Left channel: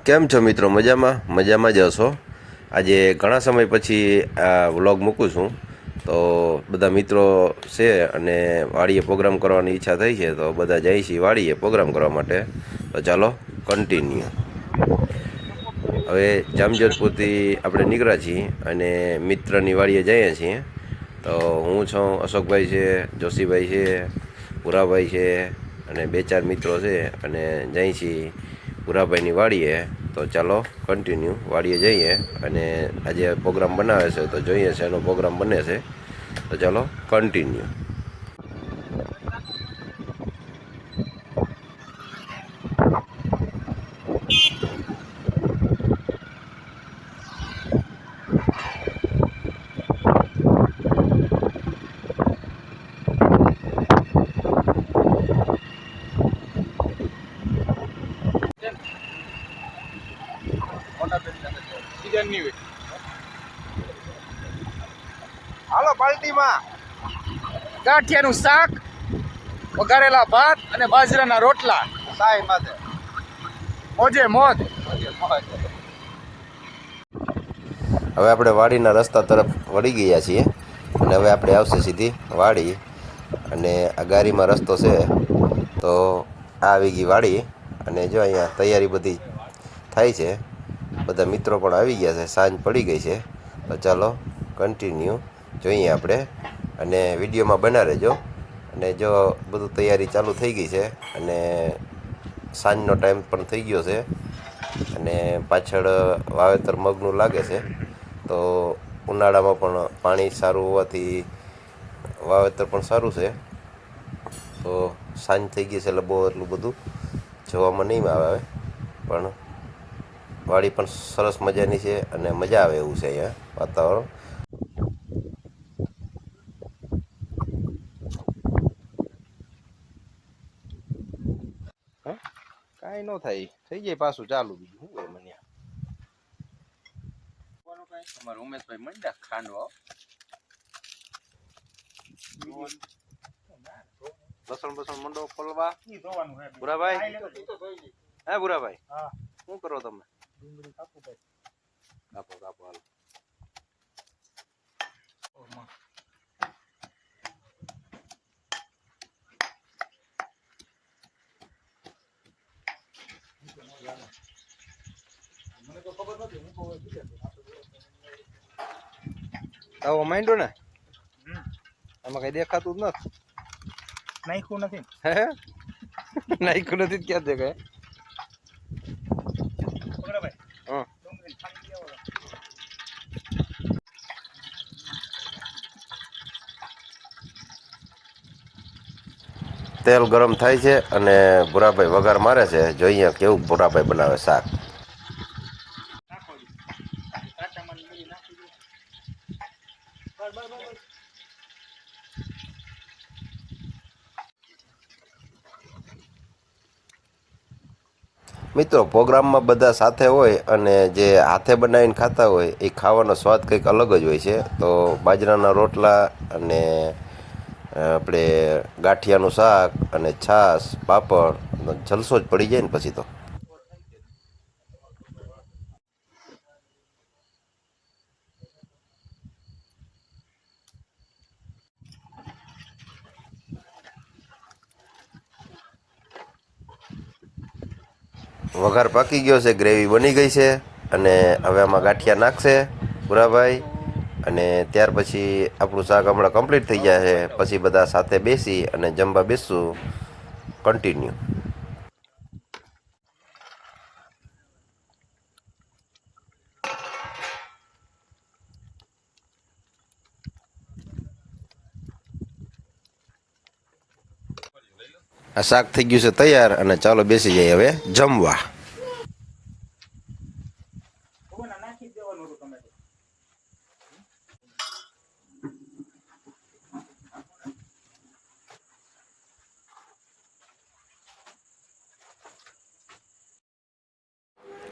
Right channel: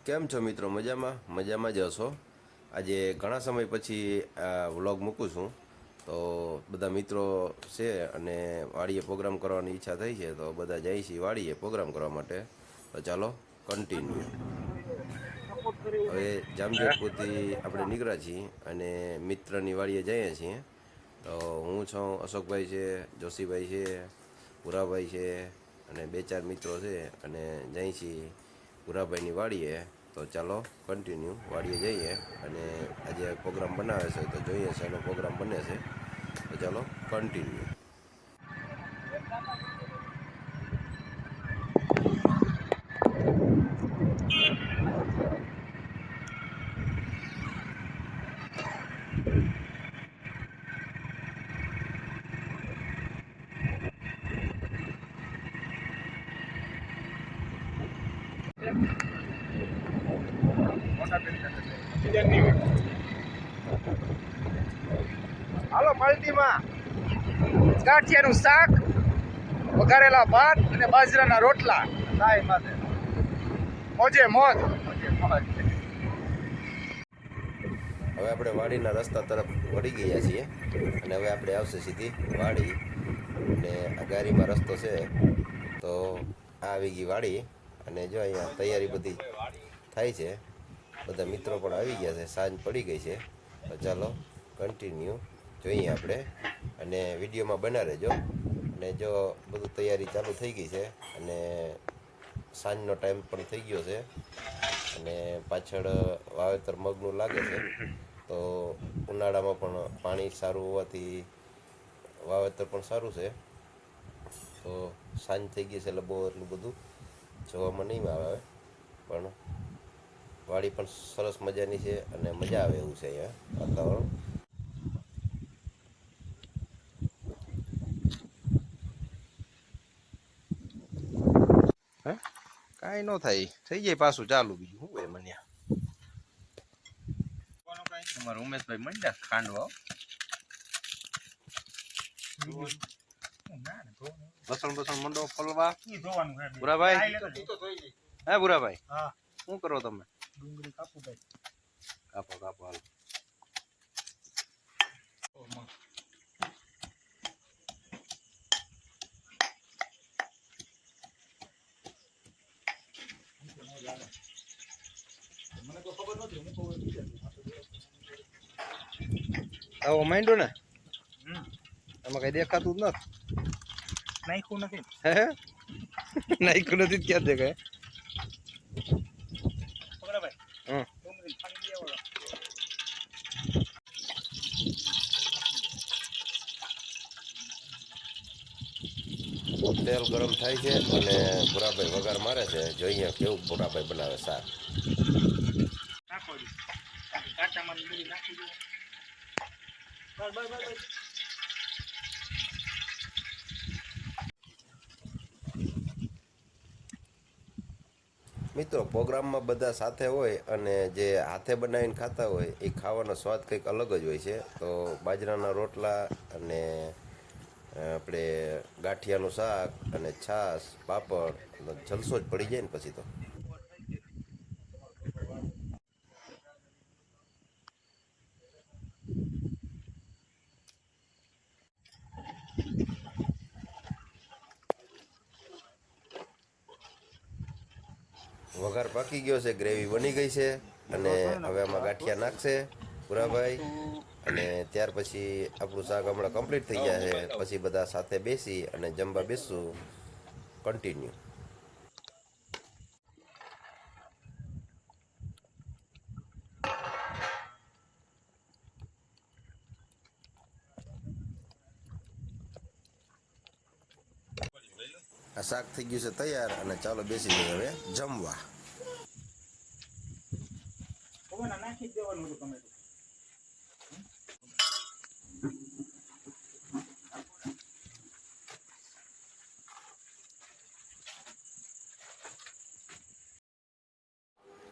કેમ છો મિત્રો? મજામાં? મજામાં જ હશો? આજે ઘણા સમય પછી આ વ્લોગ મૂકું છું. તો બધા મિત્રો છે અને વાડીએ પ્રોગ્રામ કરવાની ઈચ્છા થઈ છે, તો બધા જાય છે વાડીએ પ્રોગ્રામ કરવા માટે. તો ચાલો કન્ટિન્યુ હવે જામજોધપુરથી આપણે નીકળ્યા છીએ અને મિત્રની વાડીએ જઈએ છીએ. તો હું છું, અશોકભાઈ છે, જોશીભાઈ છે, પુરાભાઈ છે અને બે ચાર મિત્રો છે અને જઈ છીએ પુરાભાઈની વાડીએ, તો ચાલો કન્ટિન્યુ વાડીએ જઈએ અને આજે પ્રોગ્રામ બનાવે છે, તો જોઈએ છે એનો પ્રોગ્રામ બને છે. તો ચાલો કન્ટિન્યુ હાલો પાલટીમાં ગાંઠિયાનું શાક વઘારેલા ભાત અને બાજરાના રોટલા. સાઈ મોજે મોજ. હવે આપણે વાડીના રસ્તા તરફ વળી ગયા છીએ અને હવે આપણે આવશે સીધી વાડી અને આ ગાડીમાં રસ્તો છે તો આ આવી ગઈ વાડી અને જો અહીંયા તૈયારી બધી થાય છે બધા મિત્રો પણ આવી ગયા છે, સાંજ પડી ગઈ છે. તો ચાલો કન્ટિન્યુ જોઈએ આપણે. અને વિડીયોમાં બના રહેજો. અને જો બધું તૈયારી ચાલુ થઈ ગઈ છે, અને સાંજનો ટાઈમ પણ થઈ ગયો છે, અને પાછળ વાવેતર મગનું લાગે છે, તો ઉનાળામાં પણ પાણી સારું હોવાથી વાવેતર પણ સારું છે. તો સાંજ થઈ ગઈ છે એટલે બહુ એટલું બધું જોવામાં નહીં આવે, પણ વાડી પણ સરસ મજાની છે અને મજા આવે એવું છે અહીંયા વાતાવરણ. કાંઈ ન થાય. થઈ જાય પાછું ચાલુ બીજું. શું હોય મને? અમારા ઉમેશભાઈ મંડ્યા ખાંડવા બસણ બસણ મંડો ખોલવા. ભૂરાભાઈ? હે. શું કરો તમે? કાપો કાપો હાલો આવો માંડો ને? આમાં કઈ દેખાતું જ નથી. નાખ્યું નથી હે? નાખ્યું નથી ક્યાં દેખાય? તેલ ગરમ થાય છે અને ભૂરાભાઈ વઘાર મારે છે. જોઈએ કેવું ભૂરાભાઈ બનાવે શાક. મિત્રો, પ્રોગ્રામમાં બધા સાથે હોય અને જે હાથે બનાવીને ખાતા હોય, એ ખાવાનો સ્વાદ કંઈક અલગ જ હોય છે. તો બાજરાના રોટલા અને આપણે ગાંઠિયાનું શાક અને છાશ, પાપડ જલસો જ પડી જાય ને પછી તો. વઘાર પાકી ગયો છે, ગ્રેવી બની ગઈ છે, અને હવે આમાં ગાંઠિયા નાખશે ભૂરાભાઈ અને ત્યાર પછી આપણું શાક હમણાં કમ્પ્લીટ થઈ જાય છે. પછી બધા સાથે બેસી અને જમવા બેસશું કન્ટિન્યુ આ શાક થઈ ગયું છે તૈયાર અને ચાલો બેસી જઈએ હવે જમવા.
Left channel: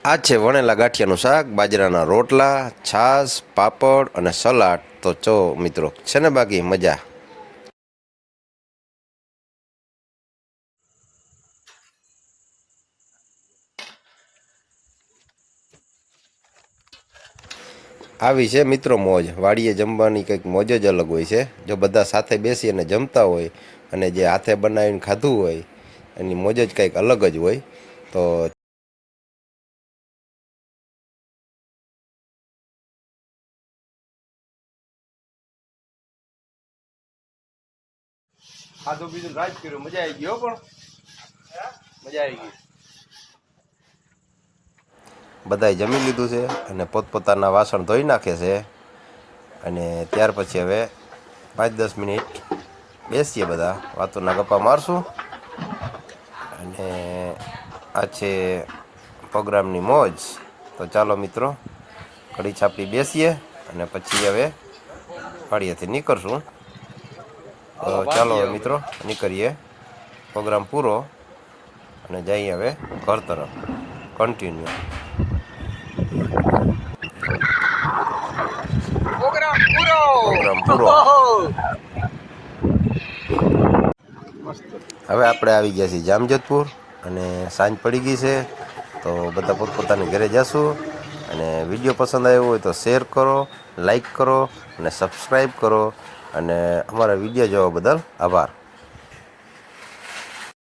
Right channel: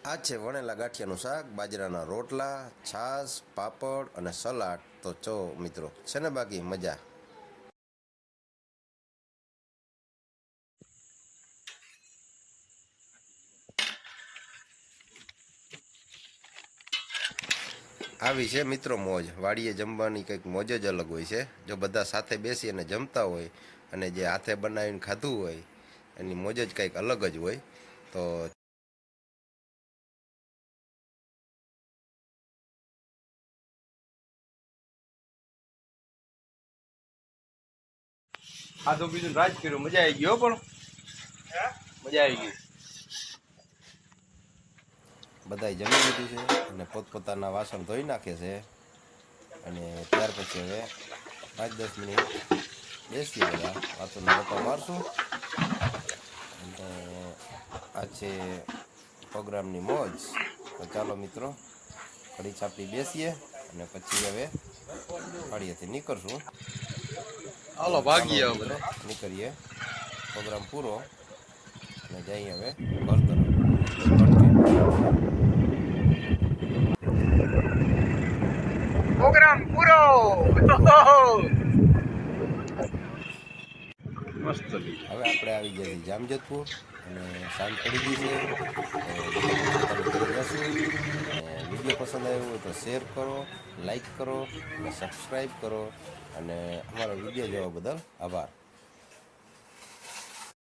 આ છે વણેલા ગાંઠિયાનું શાક, બાજરાના રોટલા, છાશ, પાપડ અને સલાડ. તો ચો મિત્રો, છે ને બાકી? મજા. આવી છે મિત્રો મોજ. વાડીએ જમવાની કંઈક મોજ જ અલગ હોય છે. જો બધા સાથે બેસી અને જમતા હોય અને જે હાથે બનાવીને ખાધું હોય, એની મોજ જ કંઈક અલગ જ હોય. તો ખાધું પીધું રાજ કર્યું. મજા આવી ગયો પણ. મજા આવી ગઈ. બધાએ જમી લીધું છે અને પોતપોતાના વાસણ ધોઈ નાખે છે. અને ત્યાર પછી હવે પાંચ દસ મિનિટ બેસીએ બધા. વાતોના ગપ્પા મારશું. અને આ છે પ્રોગ્રામની મોજ. તો ચાલો મિત્રો કડી છાપી બેસીએ અને પછી હવે વાડીએથી નીકળશું. તો ચાલો મિત્રો નીકળીએ. પ્રોગ્રામ પૂરો અને જઈએ હવે ઘર તરફ. કન્ટિન્યુ પ્રોગ્રામ પૂરો. હવે આપણે આવી ગયા છીએ જામજોધપુર અને સાંજ પડી ગઈ છે તો બધા પોતપોતાની ઘરે જશું. અને વીડિયો પસંદ આવ્યો હોય તો શેર કરો લાઈક કરો અને સબસ્ક્રાઈબ કરો. અને અમારા વીડિયો જોવા બદલ આભાર.